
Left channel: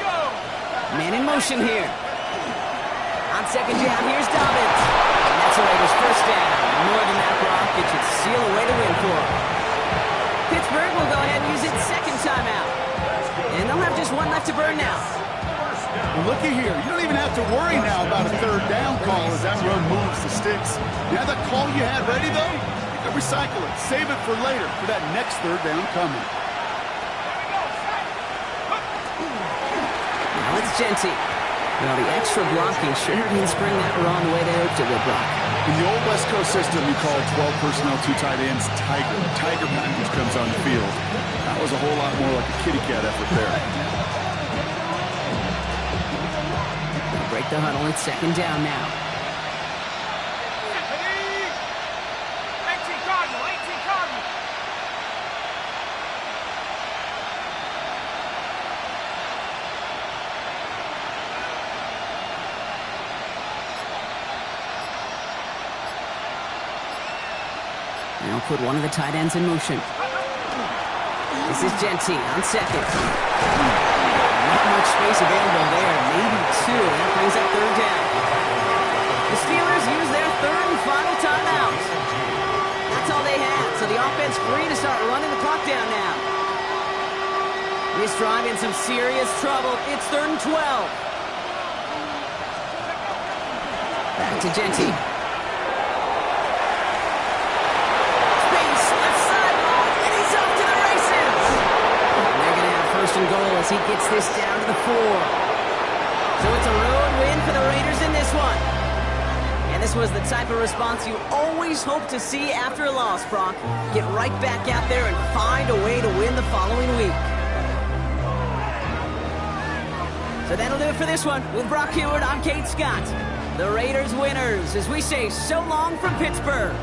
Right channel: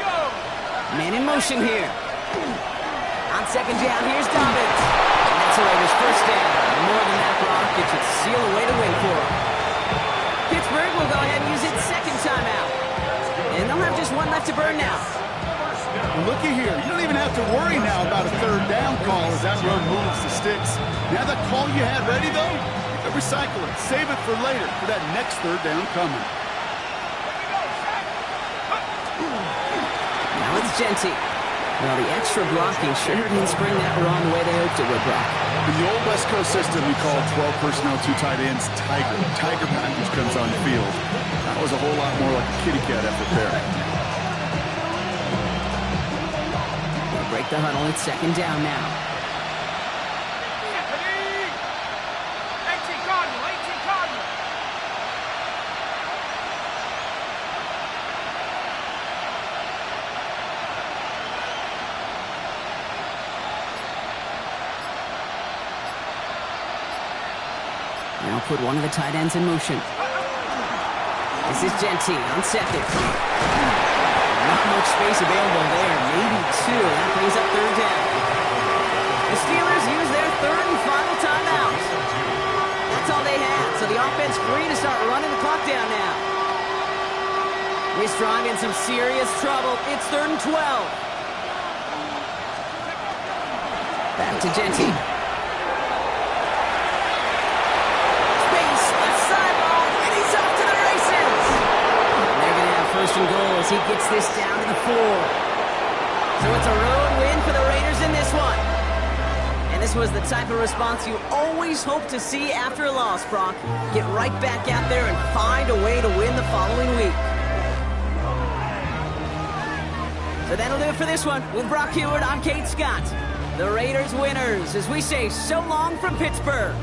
go. Man in motion here. On second down, here's Dobbins. And that's the Raiders' first down. More than that, Brock, it should seal a way to win for them. Pittsburgh will go ahead and use its second timeout. And they'll have just one left to burn now. Well, looky here. You don't even have to worry now about a third down call as that run moves the sticks. Now that call you had ready, though, you can recycle it. Save it for later for that next third down coming. Now it's Genty. Well, the extra blocking sure didn't spring that run the way they hoped it would, Brock. In the old West Coast system, you call 12 personnel, 2 tight ends, Tiger. Tiger package comes on the field. That was a whole lot more like a kitty cat effort there. They'll break the huddle. It's second down now. 18 Cardinal, 18 Cardinal. Now put one of the tight ends in motion. This is Genty on second. Not much space available there. Maybe 2. That brings up third down. The Steelers use their third and final timeout. That's all they had. So the offense free to start running the clock down now. This drive in some serious trouble. It's third and 12. Back to Genty. First and goal as he gets this down to the 4. So it's a road win for the Raiders in this one. And this was the type of response you always hope to see after a loss, Brock. Get right back out there and find a way to win the following week. So that'll do it for this one. With Brock Hewitt, I'm Kate Scott. The Raiders winners as we say so long from Pittsburgh.